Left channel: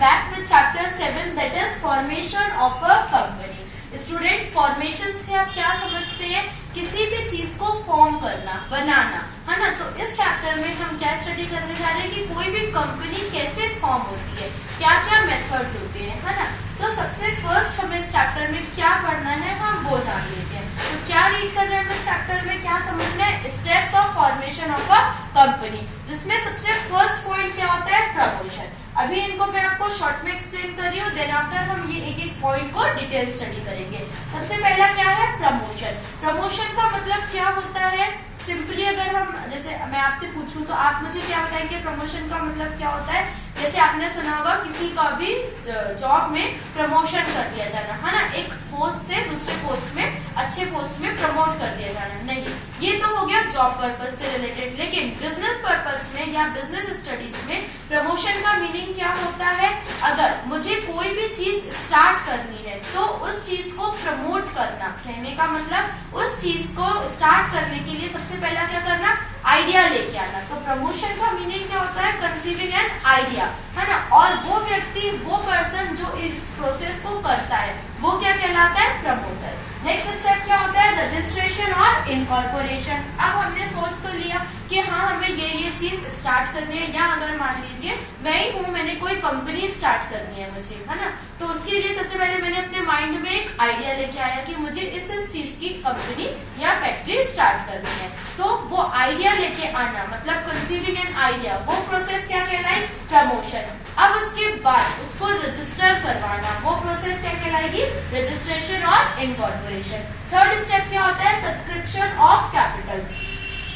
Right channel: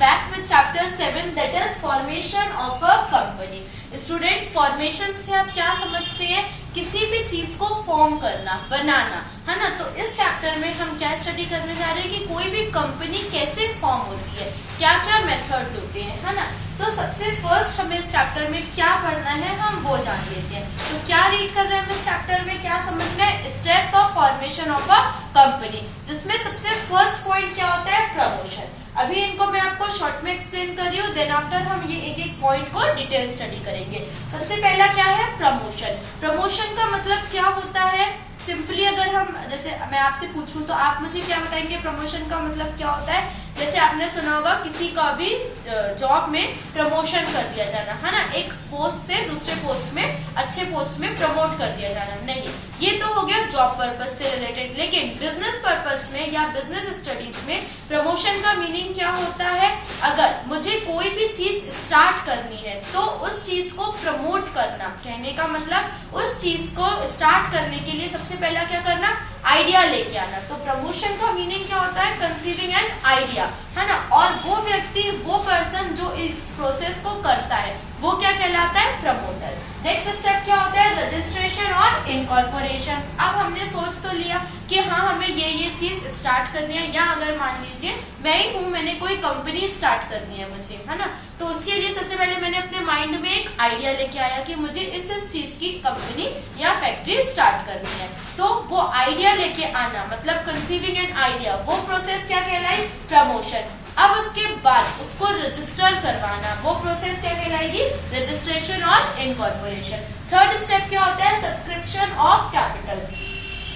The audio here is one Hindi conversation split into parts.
back with chapter 7 that is formation of a company. Students, formation से आप क्या समझते हैं? किसी भी चीज को फॉर्म करना, बनाना, है ना। तो इस चैप्टर में हम क्या स्टडी करने जा रहे हैं कि कोई भी कंपनी कैसे फॉर्म होती है, क्या क्या मेथड्स होते हैं, है ना। तो सबसे फर्स्ट हमें इस चैप्टर में क्या पढ़ना है हम वो जान लेते हैं। तो क्या रीड कर रहे हैं हम इस चैप्टर में, क्या समझना है? Steps of formation of a company, जिसमें सबसे फर्स्ट पॉइंट क्या होता है? प्रमोशन। अभी इनको मैं आपको शॉर्ट में एक्सप्लेन कर रही हूँ, देन आफ्टर हम ये एक एक पॉइंट को डिटेल स्टडी करेंगे। सबसे पहला क्या है? प्रमोशन। प्रमोशन का मतलब क्या होता है? सिंपली अगर हम, जैसे मैं आपसे पूछूं तो आप मुझे क्या बताएंगे प्रमोशन का मतलब क्या होता है? जैसे आपने सुना होगा किसी का भी जॉब में प्रमोशन कर दिया जाना, है ना। एक पोस्ट से दूसरे पोस्ट में, अच्छे पोस्ट में प्रमोट कर दिया जाना। नहीं, ये तो हो गया जॉब पर्पस से रिलेटेड। लेकिन बिजनेस पर्पस में या बिजनेस स्टडीज में प्रमोशन का मीनिंग क्या होता है? अगर मुझे कोई भी चीज स्टार्ट करनी है तो उस चीज को प्रमोट करना। कहने का मतलब उस चीज को स्टार्ट करने के लिए सबसे पहला क्या करना? आइडिया लेके आना। तो प्रमोशन का मीनिंग क्या होता है? कंसीविंग एन आइडिया, है ना। और वो व्यक्ति, वो पर्सन जो इस प्रोसेस को करता है वो क्या कहलाता है? प्रमोटर। नेक्स्ट स्टेप क्या होता है? रजिस्ट्रेशन और इनकॉर्पोरेशन। अब हमने सोच तो लिया कि हाँ हमें ये चीज स्टार्ट करनी है, या अगर मान लीजिए मैं ही हूँ, मैंने कोई कंपनी स्टार्ट करनी है मुझे, है ना। तो उसके लिए सबसे पहले मैंने अपने माइंड में एक आइडिया लेके आया कि मुझे इस चीज की कंपनी या फैक्ट्री स्टार्ट करनी है। तो वो आइडिया लेके आना मतलब कंसीविंग एन आइडिया, वो प्रोसेस क्या कहलाई? प्रमोशन। अब उसके बाद उसको रजिस्टर करवाना, वो प्रोसेस क्या कहलाएगी? रजिस्ट्रेशन और इनकॉर्पोरेशन। थर्ड स्टेप क्या होता है? Subscription of capital.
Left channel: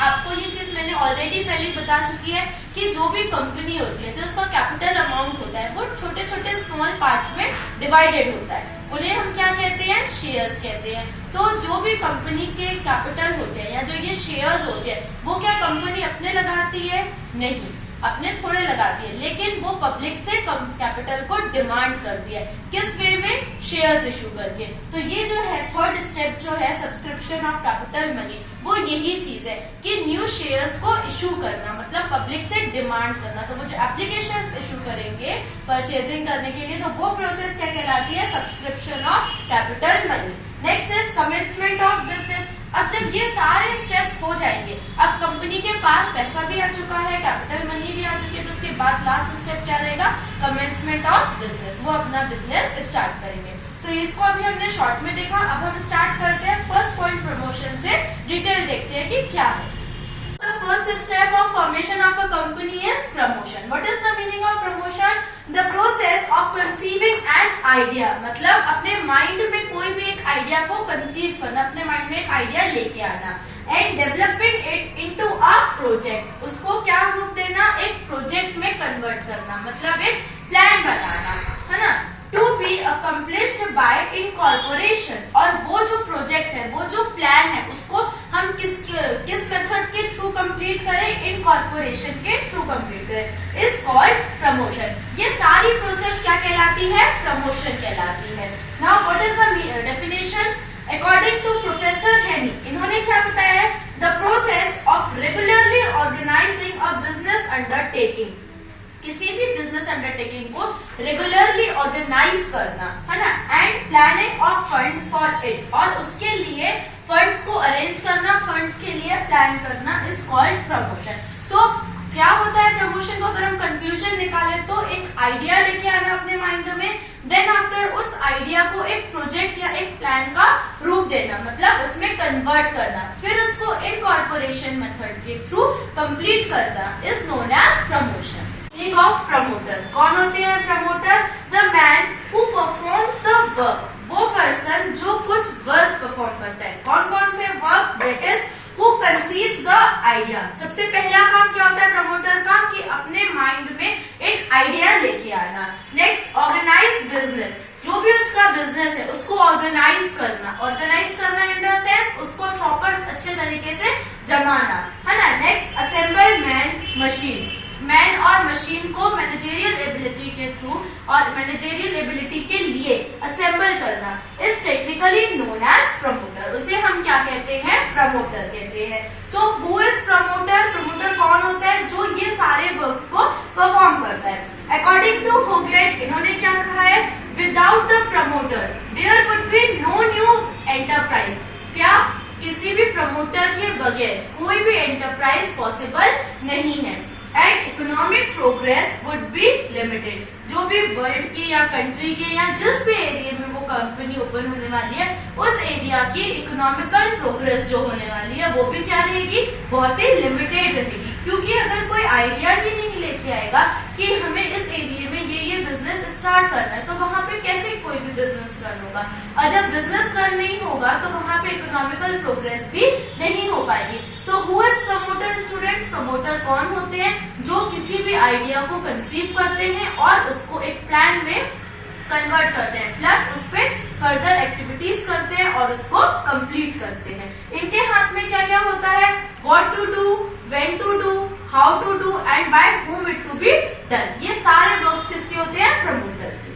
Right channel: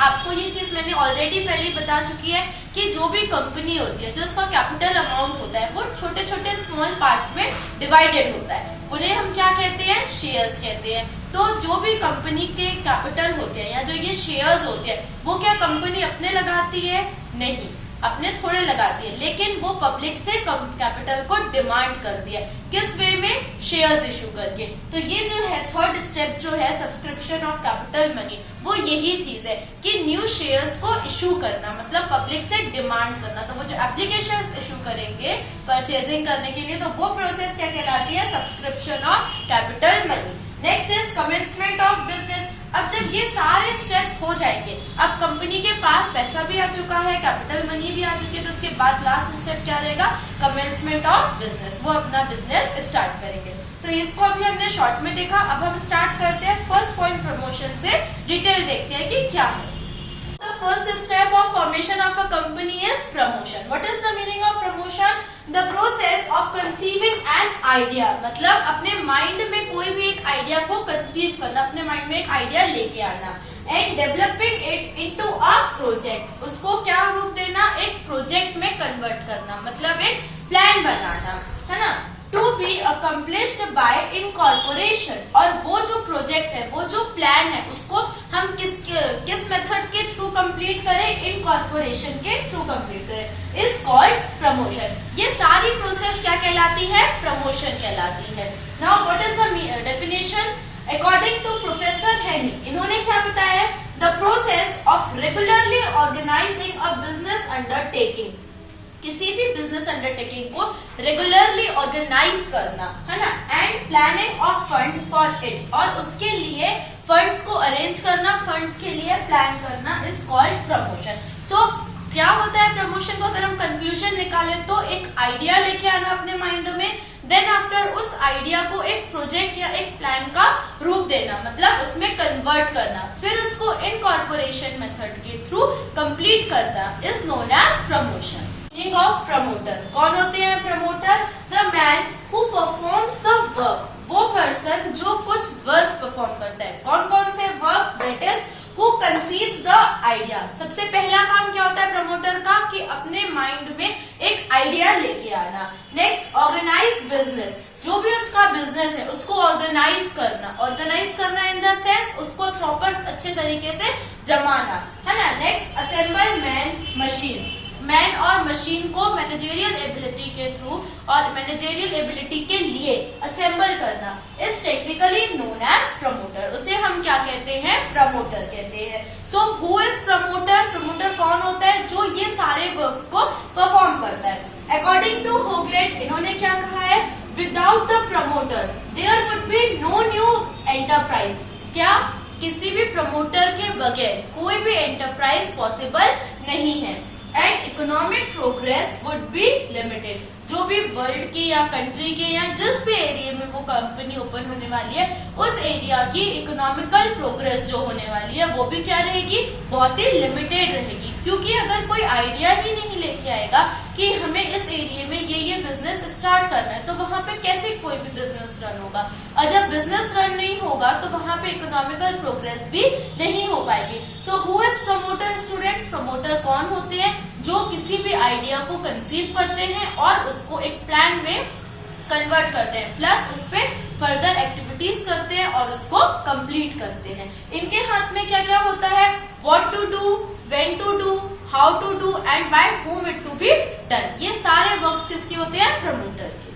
आपको ये चीज मैंने ऑलरेडी पहले बता चुकी है कि जो भी कंपनी होती है, जो उसका कैपिटल अमाउंट होता है वो छोटे छोटे स्मॉल पार्ट्स में डिवाइडेड होता है। उन्हें हम क्या कहते हैं? शेयर्स कहते हैं। तो जो भी कंपनी के कैपिटल होते हैं या जो ये शेयर्स होते हैं वो क्या कंपनी अपने लगाती है? नहीं, अपने थोड़े लगाती है, लेकिन वो पब्लिक से कैपिटल को डिमांड करती है। किस वे में? शेयर्स इशू करके। तो ये जो है थर्ड स्टेप जो है सब्सक्रिप्शन ऑफ कैपिटल मनी, वो यही चीज है कि न्यू शेयर्स को इशू करना मतलब पब्लिक से डिमांड करना। तो वो जो एप्लीकेशन इशू करेंगे परचेजिंग करने के लिए, तो वो प्रोसेस क्या कहलाती है? Subscription of capital money. Next is commencement of business. अब जब ये सारे स्टेप्स हो जाएंगे, अब कंपनी के पास पैसा भी आ चुका है, कैपिटल मनी भी आ चुकी है, तो उसके बाद लास्ट स्टेप क्या रहेगा? Commencement of business. वो अपना बिजनेस स्टार्ट करेंगे। सो इसको अभी हमने शॉर्ट में देखा। अब हम स्टार्ट करते हैं फर्स्ट पॉइंट प्रमोशन से, डिटेल देखते हैं कि क्या है। The first step of formation of a company is promotion. What is the meaning of promotion? The process of conceiving an idea. मतलब अपने माइंड में कोई भी एक आइडिया को कंसीव करना, अपने माइंड में एक आइडिया लेके आना, and developing it into a project. उसको क्या रूप देना? एक प्रोजेक्ट में कन्वर्ट करना, मतलब एक प्लान बनाना, है ना। To be accomplished by incorporation. और वो जो प्रोजेक्ट है, वो जो प्लान है, उसको हम किस मेथड के थ्रू कंप्लीट करें? इनकॉर्पोरेशन के थ्रू कंप्लीट करें, इज कॉल्ड प्रमोशन। ये सारी प्रोसेस क्या कहलाती है? प्रमोशन कहलाती है। Now what is the definition? According to professor Haney, इन्होंने क्या बताया है? The process of regularly organising a business undertaking. किसी भी बिजनेस अंडरटेकिंग को रेगुलरली ऑर्गेनाइज करना, है ना, and planning of fund for it, और उसके लिए फंड्स को अरेंज करना, फंड्स के लिए प्लान करना, इज कॉल्ड प्रमोशन। सो क्या होता है प्रमोशन को अगर हम कंक्लूजन निकाले तो एक आइडिया लेके आना अपने माइंड में, देन आफ्टर उस आइडिया को एक प्रोजेक्ट या एक प्लान का रूप देना, मतलब उसमें कन्वर्ट करना, फिर उसको इनकॉर्पोरेशन मेथड के थ्रू कंप्लीट करना, is known as promotion. Meaning of promoter. कौन होते हैं promoter? The man who performs the work. वो पर्सन जो कुछ वर्क परफॉर्म करता है। कौन कौन से work? That is who conceives the idea. सबसे पहला काम क्या होता है प्रमोटर का? कि अपने माइंड में एक आइडिया लेके आना। Next, organise business. जो भी उसका बिजनेस है उसको ऑर्गेनाइज करना। ऑर्गेनाइज करना इन द सेंस उसको प्रॉपर अच्छे तरीके से जमाना, है ना। Next, assemble man machines. Man और मशीन को मैनेजरियल एबिलिटी के थ्रू और मैनेजरियल एबिलिटी के लिए असेंबल करना, is technically known as promoter. उसे हम क्या कहते हैं? प्रमोटर कहते हैं। So who is promoter? Promoter कौन होता है? जो ये सारे वर्क्स को परफॉर्म करता है। अकॉर्डिंग टू ग्रेट इन्होंने क्या कहा है, without the promoter there would be no new enterprise. क्या किसी भी प्रमोटर के बगैर कोई भी एंटरप्राइज पॉसिबल नहीं है। And economic progress would be limited. जो भी वर्ल्ड के या कंट्री के या जिस भी एरिया में वो कंपनी ओपन होने वाली है, उस एरिया की इकोनॉमिकल प्रोग्रेस जो होने वाली है वो भी क्या रहेगी, बहुत ही लिमिटेड रहेगी। क्योंकि अगर कोई आइडिया ही नहीं लेके आएगा कि हमें इस एरिया में ये बिजनेस स्टार्ट करना है, तो वहां पे कैसे कोई भी बिजनेस रन होगा। और जब बिजनेस रन नहीं होगा तो वहां पे इकोनॉमिकल प्रोग्रेस भी नहीं हो पाएगी। सो who is promoter students? Promoter कौन होते हैं? जो किसी भी आइडिया को कंसीव करते हैं और उसको एक प्लान में कन्वर्ट करते हैं, प्लस उस पे फर्दर एक्टिविटीज करते हैं और उसको कंप्लीट करते हैं। इनके हाथ में क्या क्या होता है, what to do, when to do, how to do and by whom it to be done। ये सारे वर्क्स किसके होते हैं, प्रमोटर के।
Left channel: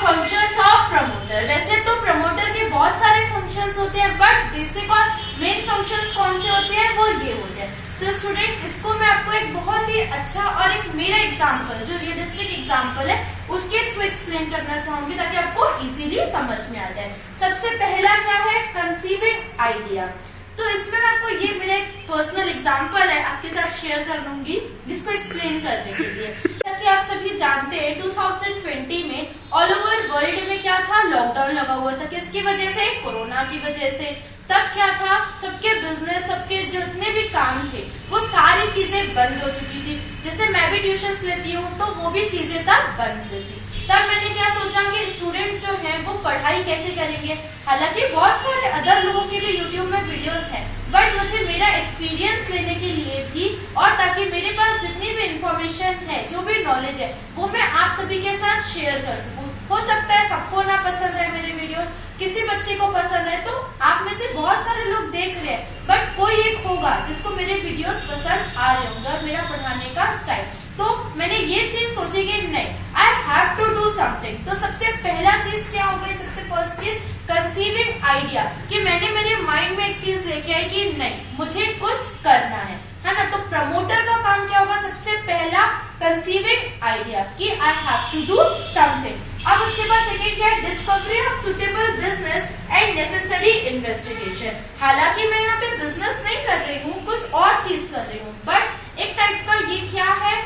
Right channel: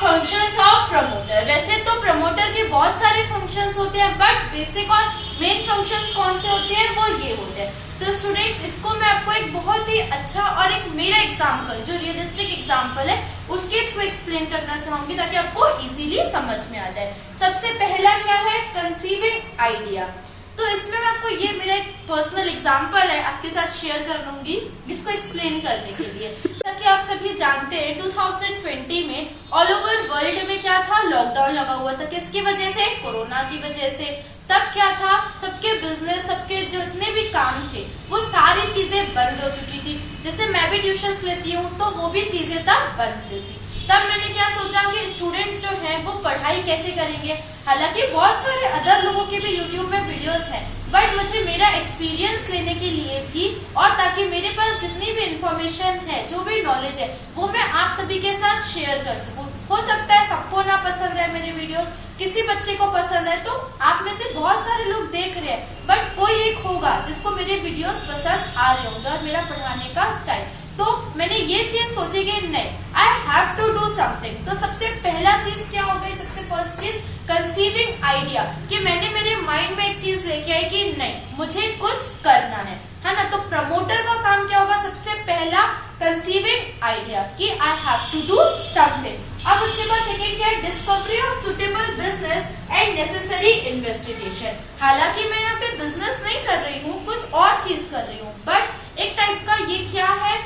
फंक्शंस ऑफ प्रमोटर, वैसे तो प्रमोटर के बहुत सारे फंक्शंस होते हैं, बट बेसिक और मेन फंक्शंस कौन से होते हैं, वो ये होते हैं। सो स्टूडेंट्स, इसको मैं आपको एक बहुत ही अच्छा और एक मेरा एग्जाम्पल, जो रियलिस्टिक एग्जाम्पल है, उसके थ्रू एक्सप्लेन करना चाहूंगी ताकि आपको इजीली समझ में आ जाए। सबसे पहला क्या है, कंसीविंग आइडिया। तो इसमें मैं आपको ये मेरा एक पर्सनल एग्जांपल है आपके साथ शेयर कर लूंगी, इसको एक्सप्लेन करने के लिए। ताकि आप सभी जानते हैं 2020 में ऑल ओवर वर्ल्ड में क्या था, लॉकडाउन लगा हुआ था। किसकी वजह से, कोरोना की वजह से। तब क्या था, सबके बिजनेस, सबके जितने भी काम थे वो सारी चीजें बंद हो चुकी थी। जैसे मैं भी ट्यूशंस लेती हूँ तो वो भी चीजें तब बंद थी। तब मैंने क्या सोचा कि स्टूडेंट्स जो हैं वो पढ़ाई कैसे करेंगे। हालांकि बहुत सारे अदर लोगों के भी यूट्यूब में वीडियोस हैं, बट मुझे मेरा एक्सपीरियंस लेने के लिए भी, और ताकि मेरे पास जितनी भी इंफॉर्मेशन है, जो भी नॉलेज है, वो मैं आप सभी के साथ शेयर कर सकूं। हो सकता है सबको ना पसंद है मेरे वीडियो, किसी बच्चे को पसंद है, तो आप में से बहुत सारे लोग देख रहे हैं, बट कोई एक होगा जिसको मेरे वीडियोस पसंद आ रहे होंगे और मेरा पढ़ाने का स्टाइल। तो मैंने ये चीज सोची कि नहीं, I have to do something. तो सबसे पहला चीज क्या होगा, सबसे फर्स्ट चीज कंसीविंग आइडिया, कि मैंने मेरे माइंड में एक चीज लेके आई कि नहीं, मुझे कुछ करना है ना। तो प्रमोटर का काम क्या होगा, सबसे पहला कंसीविंग आइडिया, कि I have to do something. अब उसके बाद सेकेंड क्या है, discovery of suitable business and necessary investigation. हालांकि मैं यहाँ पे बिजनेस नहीं कर रही हूँ, कुछ और चीज कर रही हूँ, बट एक टाइप का ये क्या है,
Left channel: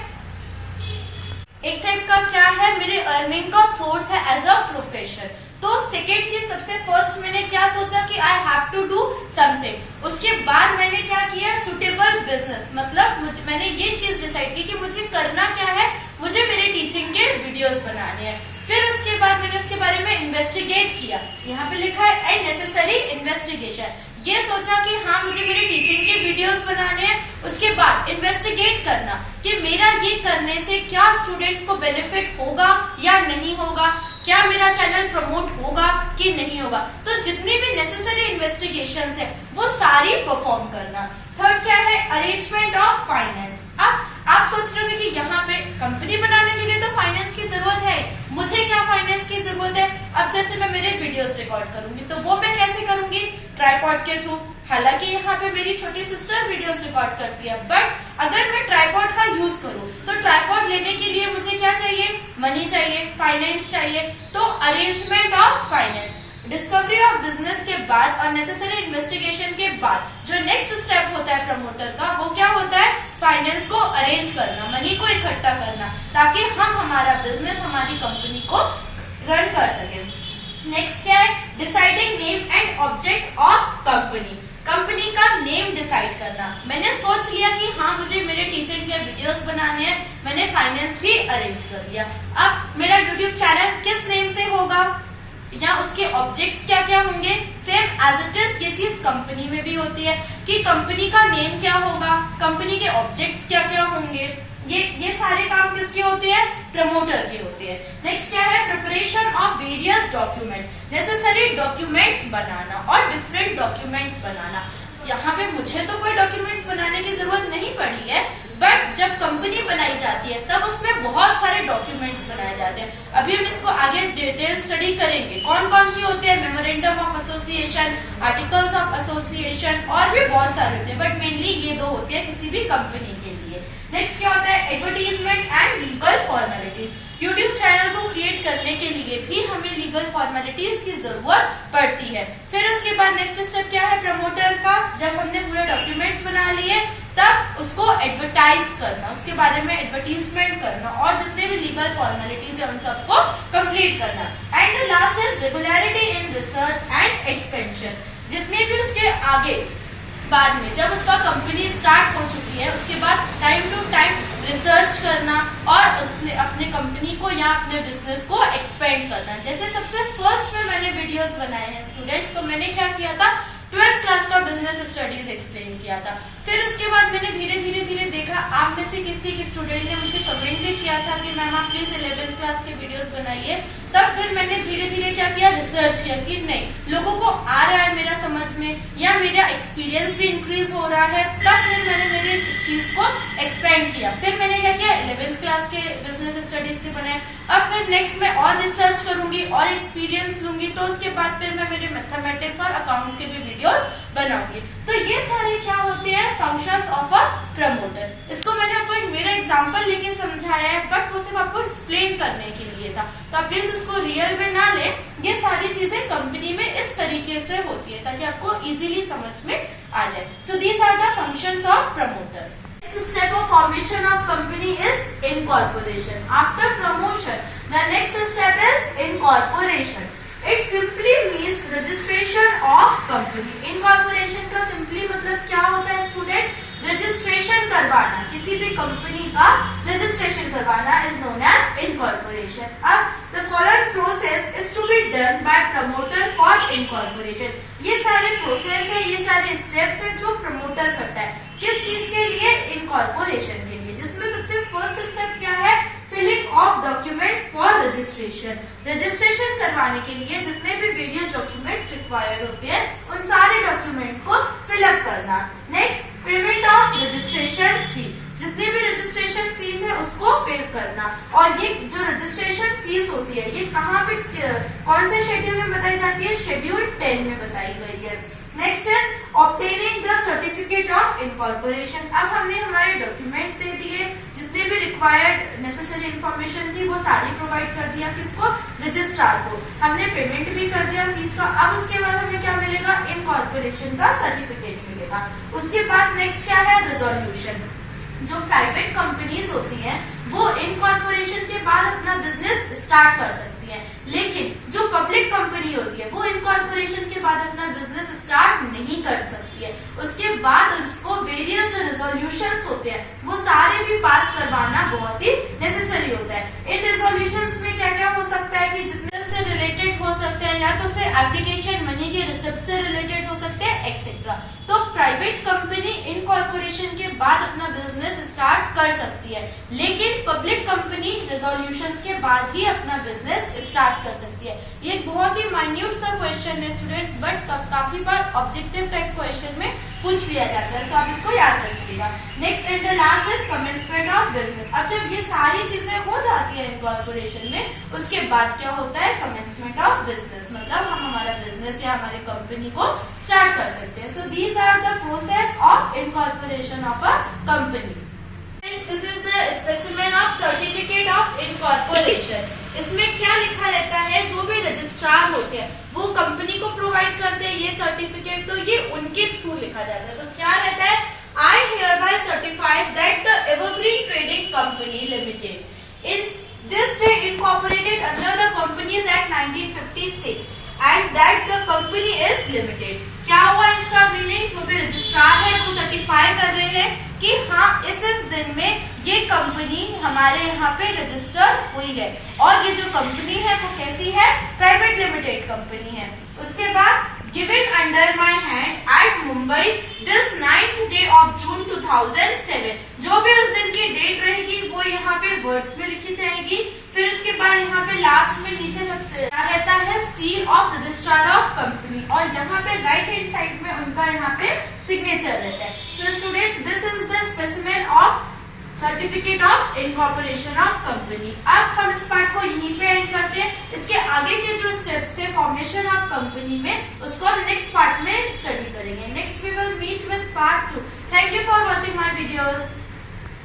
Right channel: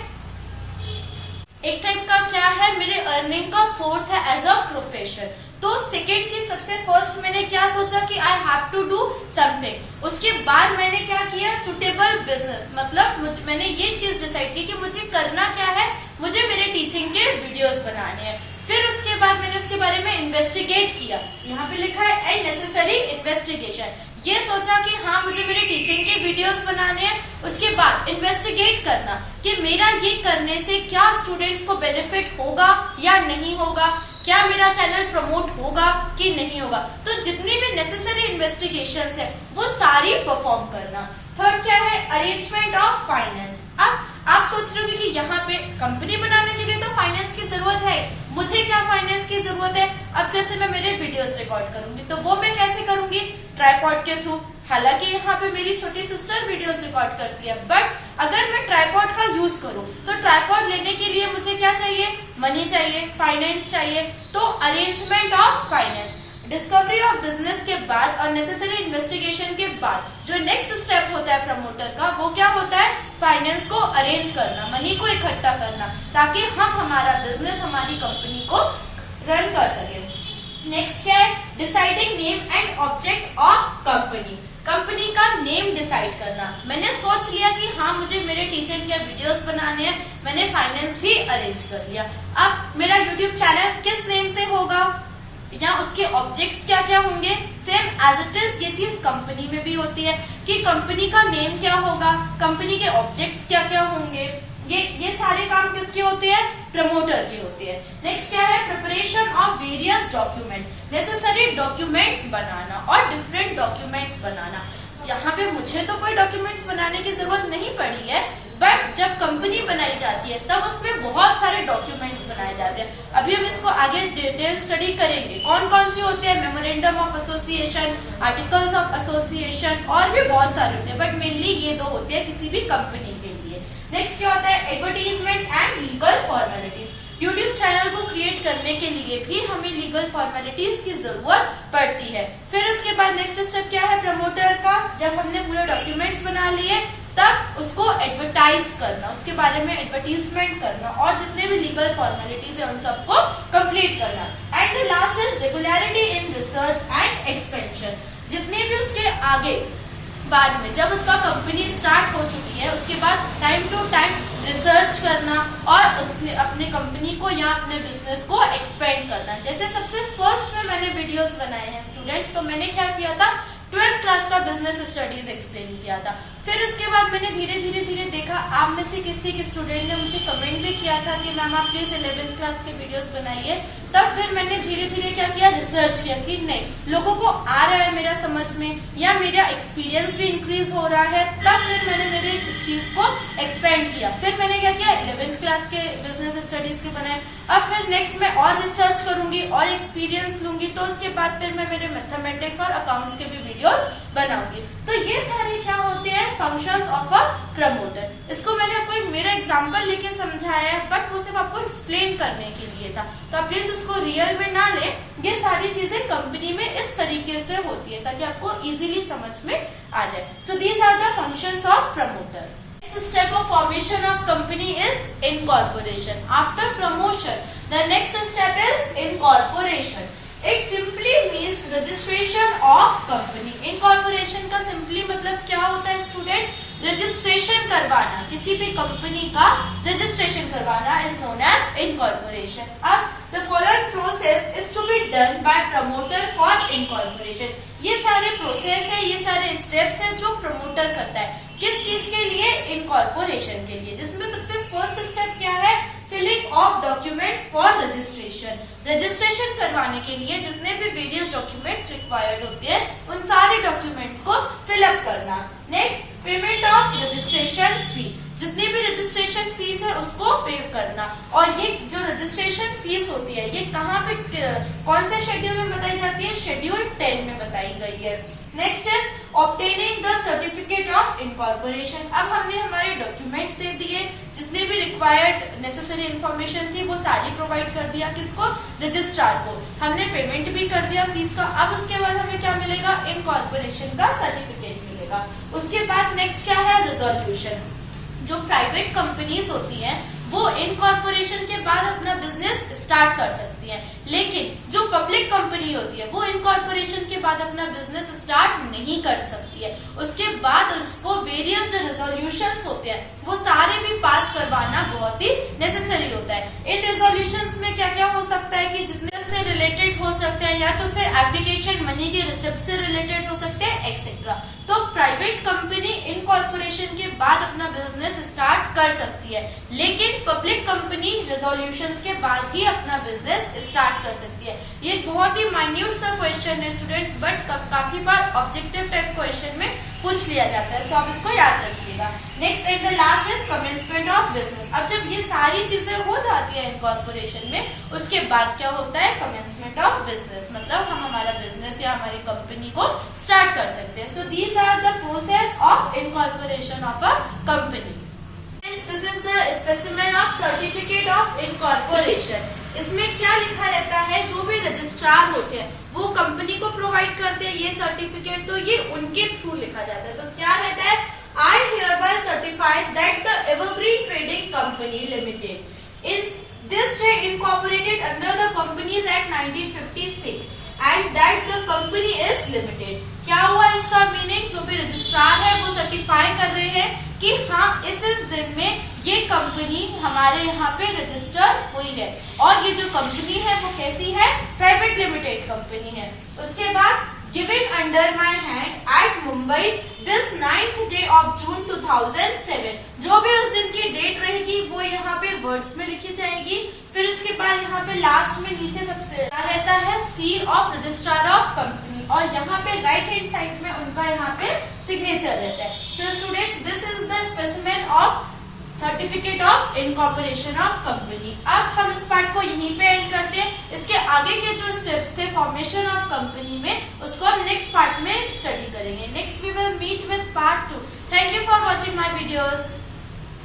एक टाइप का क्या है, मेरे अर्निंग का सोर्स है एज अ प्रोफेशन। तो सेकेंड चीज, सबसे फर्स्ट मैंने क्या सोचा कि I have to do something. उसके बाद मैंने क्या किया, सुटेबल बिजनेस, मतलब मैंने ये चीज डिसाइड की कि मुझे करना क्या है, मुझे मेरे टीचिंग के वीडियोस बनाने हैं। फिर उसके बाद मैंने उसके बारे में इन्वेस्टिगेट किया, यहाँ पे लिखा है एंड नेसेसरी इन्वेस्टिगेशन। ये सोचा कि हाँ, मुझे मेरे टीचिंग के वीडियोस बनाने हैं। उसके बाद इन्वेस्टिगेट करना कि मेरा ये करने से क्या स्टूडेंट्स को बेनिफिट होगा या नहीं होगा, क्या मेरा चैनल प्रमोट होगा कि नहीं होगा। तो जितनी भी नेसेसरी इन्वेस्टिगेशंस है वो सारी परफॉर्म करना। थर्ड क्या है, अरेंजमेंट ऑफ फाइनेंस। अब आप सोच रहे होंगे कि यहाँ पे कंपनी बनाने के लिए तो फाइनेंस की जरूरत है, मुझे क्या फाइनेंस की जरूरत है। अब जैसे मैं मेरे वीडियोस रिकॉर्ड करूंगी तो वो मैं कैसे करूंगी, ट्राइपॉड के थ्रू। हालांकि यहाँ पे मेरी छोटी सिस्टर वीडियोस रिकॉर्ड करती है, बट अगर मैं ट्राइपॉड का यूज करूँ तो ट्राइपॉड लेने के लिए मुझे क्या चाहिए, मनी चाहिए, फाइनेंस चाहिए। तो arrangement of finance, discovery of business के बाद और नेसेसरी इन्वेस्टिगेशन के बाद जो नेक्स्ट स्टेप होता है प्रमोटर का, वो क्या होता है, फाइनेंस को अरेंज करना, मनी को इकट्ठा करना, ताकि हम हमारा बिजनेस, हमारी कंपनी को रन कर सकें। नेक्स्ट क्या है, deciding name and objects of company. Company का नेम डिसाइड करना। मैंने सोच लिया कि हाँ, मुझे मेरे टीचिंग के वीडियोस बनाने हैं, मैंने फाइनेंस भी अरेंज कर लिया। अब मेरा यूट्यूब चैनल किस नेम से होगा या उसके ऑब्जेक्ट्स क्या क्या होंगे, सेम एज इट इज ये चीज कंपनी में भी होती है कि कंपनी का नेम क्या होगा, कंपनी के ऑब्जेक्ट्स क्या क्या होंगे। ये सारे काम किसके होते हैं, प्रमोटर के होते हैं। नेक्स्ट क्या है, preparation of various documents, necessary documents बनाना और डिफरेंट डॉक्यूमेंट्स बनाना। यहाँ पे मुझे तो कोई डॉक्यूमेंट्स बनाने की जरूरत नहीं पड़ी है, बट जब कंपनी बनाई जाती है तब उसमें बहुत सारे डॉक्यूमेंट्स बनाए जाते हैं। अभी हम इसको आगे डिटेल स्टडी करेंगे, कौन कौन सी होते हैं, memorandum of association, articles of association, और भी बहुत सारे होते हैं, बट मेनली ये दो होते हैं किसी भी कंपनी के लिए। नेक्स्ट क्या होता है, advertisement and legal formalities. YouTube channel करने के लिए भी हमें लीगल फॉर्मेलिटीज की जरूरत पड़ती है। फिर उसके बाद नेक्स्ट स्टेप क्या है प्रमोटर का, जब हमने पूरे डॉक्यूमेंट्स बना लिए तब उसको एडवर्टाइज करना, उसके बारे में एडवर्टीजमेंट करना और जितने भी लीगल फॉर्मेलिटीज है उन सबको कंप्लीट करना। And the last is regularity in research and expansion. जितने भी उसके आगे बाद में जब उसका कंपनी स्टार्ट हो चुकी है उसके बाद टाइम टू टाइम रिसर्च करना और उसने अपने कंपनी को या अपने बिजनेस को एक्सपेंड करना। जैसे सबसे फर्स्ट में मैंने वीडियोस बनाए हैं स्टूडेंट्स, तो मैंने क्या किया था 12th क्लास का बिजनेस स्टडीज एक्सप्लेन किया था। फिर उसके बाद मैंने धीरे धीरे देखा, आप में से किसी के स्टूडेंट ने मुझे कमेंट भी किया था कि मैम आप प्लीज 11th क्लास के वीडियोस बनाइए। तब फिर मैंने धीरे धीरे क्या किया, रिसर्च किया कि नहीं लोगों को आ रहा है मेरा समझ में या मेरा एक्सपीरियंस भी इंक्रीज हो रहा है। तब फिर मैंने मेरे इस चीज को एक्सपेंड किया। फिर मैंने क्या किया 11th क्लास के बिजनेस स्टडीज के बनाए। अब फिर नेक्स्ट मैं और रिसर्च करूंगी और एक्सपीरियंस लूंगी, तो उसके बाद फिर मैं मेरे मैथमेटिक्स और अकाउंट्स के भी वीडियोस बनाऊंगी। तो ये सारे क्या होते हैं फंक्शंस ऑफ अ प्रमोटर। इसको मैंने आपको एक मेरा एग्जांपल लेके समझाया है, बट वो सिर्फ आपको एक्सप्लेन करने के लिए था, तो आप प्लीज इसको रियल में ना ले। ये सारी चीजें कंपनी में इस तरीके से होती है ताकि आपको इजीली समझ में आ जाए। So these are the functions of promoter. The step of formation of company is incorporation. After promotion, the next step is incorporation. It simply means registration of company. Incorporation का simply मतलब क्या होता है स्टूडेंट्स, रजिस्ट्रेशन करवाना, किसी भी कंपनी का रजिस्ट्रेशन करवाना is known as incorporation. अब the following process is to be done by promoter for incorporation. ये सारे प्रोसेस है, ये सारे स्टेप्स है जो प्रमोटर करता है किस चीज के लिए, इनकॉर्पोरेशन के लिए। जिसमें सबसे फर्स्ट स्टेप क्या है, filling of documents for registration. Registration करवाने के लिए जितने भी वेरियस डॉक्यूमेंट्स रिक्वायर्ड होते हैं उन सारे डॉक्यूमेंट्स को फिलअप करना। Next payment of registration fee, जितनी भी रजिस्ट्रेशन फीस है उसको पे करना। और ये जो रजिस्ट्रेशन फीस होती है ये कहाँ पे कौन से शेड्यूल में बताई जाती है, शेड्यूल 10 में बताई गई है। Next is obtaining the certificate of incorporation. अब हमने हमारे डॉक्यूमेंट्स दे दिए, जितने भी रिक्वायर्ड नेसेसरी इन्फॉर्मेशन थी वो सारी प्रोवाइड कर दिया किसको, रजिस्ट्रार को। हमने पेमेंट भी कर दिया फीस का। अब उसके बाद हमें क्या मिलेगा, इनकॉर्पोरेशन का सर्टिफिकेट मिलेगा। उसके बाद नेक्स्ट क्या है, रिजोल्यूशन। जो प्राइवेट कंपनीज होती हैं वो इनकॉर्पोरेशन के बाद अपना बिजनेस स्टार्ट कर सकती हैं, लेकिन जो पब्लिक कंपनी होती है वो इनकॉर्पोरेशन के बाद अपना बिजनेस स्टार्ट नहीं कर सकती है। उसके बाद उसको वेरियस जो रेजोल्यूशंस होते हैं वो सारे भी पास करवाना बहुत ही नेसेसरी होता है। इन रेजोल्यूशंस में क्या क्या हो सकता है कि जितने से रिलेटेड हो सकते हैं या तो फिर एप्लीकेशन मनी के रिसिप्ट से रिलेटेड हो सकते हैं एक्सेट्रा। तो प्राइवेट कंपनी इनकॉर्पोरेशन के बाद अपना बिजनेस स्टार्ट कर सकती है, लेकिन पब्लिक कंपनी रेजोल्यूशंस के बाद ही अपना बिजनेस स्टार्ट कर सकती है। ये बहुत ही माइन्यूट सा क्वेश्चन है स्टूडेंट्स, बट काफी बार ऑब्जेक्टिव टाइप क्वेश्चन में पूछ लिया जाता है, सो आप इसको याद रखिएगा। Next and the last is commencement of business. अब जब ये सारी चीजें हो जाती है इनकॉर्पोरेशन में, उसके बाद क्या होता है, कमेंसमेंट ऑफ बिजनेस, मतलब हम हमारा बिजनेस या हमारी कंपनी को स्टार्ट कर सकते हैं। So these are the process of incorporation of a company. This is the specimen of certificate of incorporation. इसमें क्या लिखा रहता है, जो भी रजिस्ट्रार होते हैं वो कंपनी को प्रोवाइड करते हैं ये सर्टिफिकेट, तो ये उनके थ्रू लिखा जाता है। तो क्या रहता है, I hereby certify that the Evergreen Trading Company Limited in this day incorporated under the Companies Act 1956 and that the company is limited. क्या हुआ इसका मीनिंग, जो भी रजिस्ट्रार है वो सर्टिफाई कर रहे हैं कि हाँ इस दिन में ये कंपनी हमारे यहाँ पे रजिस्टर हुई है और ये जो कंपनी है वो कैसी है, प्राइवेट लिमिटेड कंपनी है। उसके बाद given under my hand at Mumbai this 9th day of June 2007। जो भी उस दिन की डेट रहेगी वो यहाँ पे वर्ड्स में लिखी जाएगी। फिर उसके बाद यहाँ पे लास्ट में नीचे सबसे रहता है seal of registrar of company, और यहाँ पे राइट हैंड साइड में उनका यहाँ पे सिग्नेचर रहता है। So students this is the specimen of certificate of incorporation of company. अब हम इस पार्ट को यहीं पे एंड करते हैं। इसके आगे के जो स्टेप्स थे फॉर्मेशन ऑफ कंपनी में, उसको हम नेक्स्ट पार्ट में स्टडी करेंगे। Next we will meet with part 2। Thank you for watching my videos.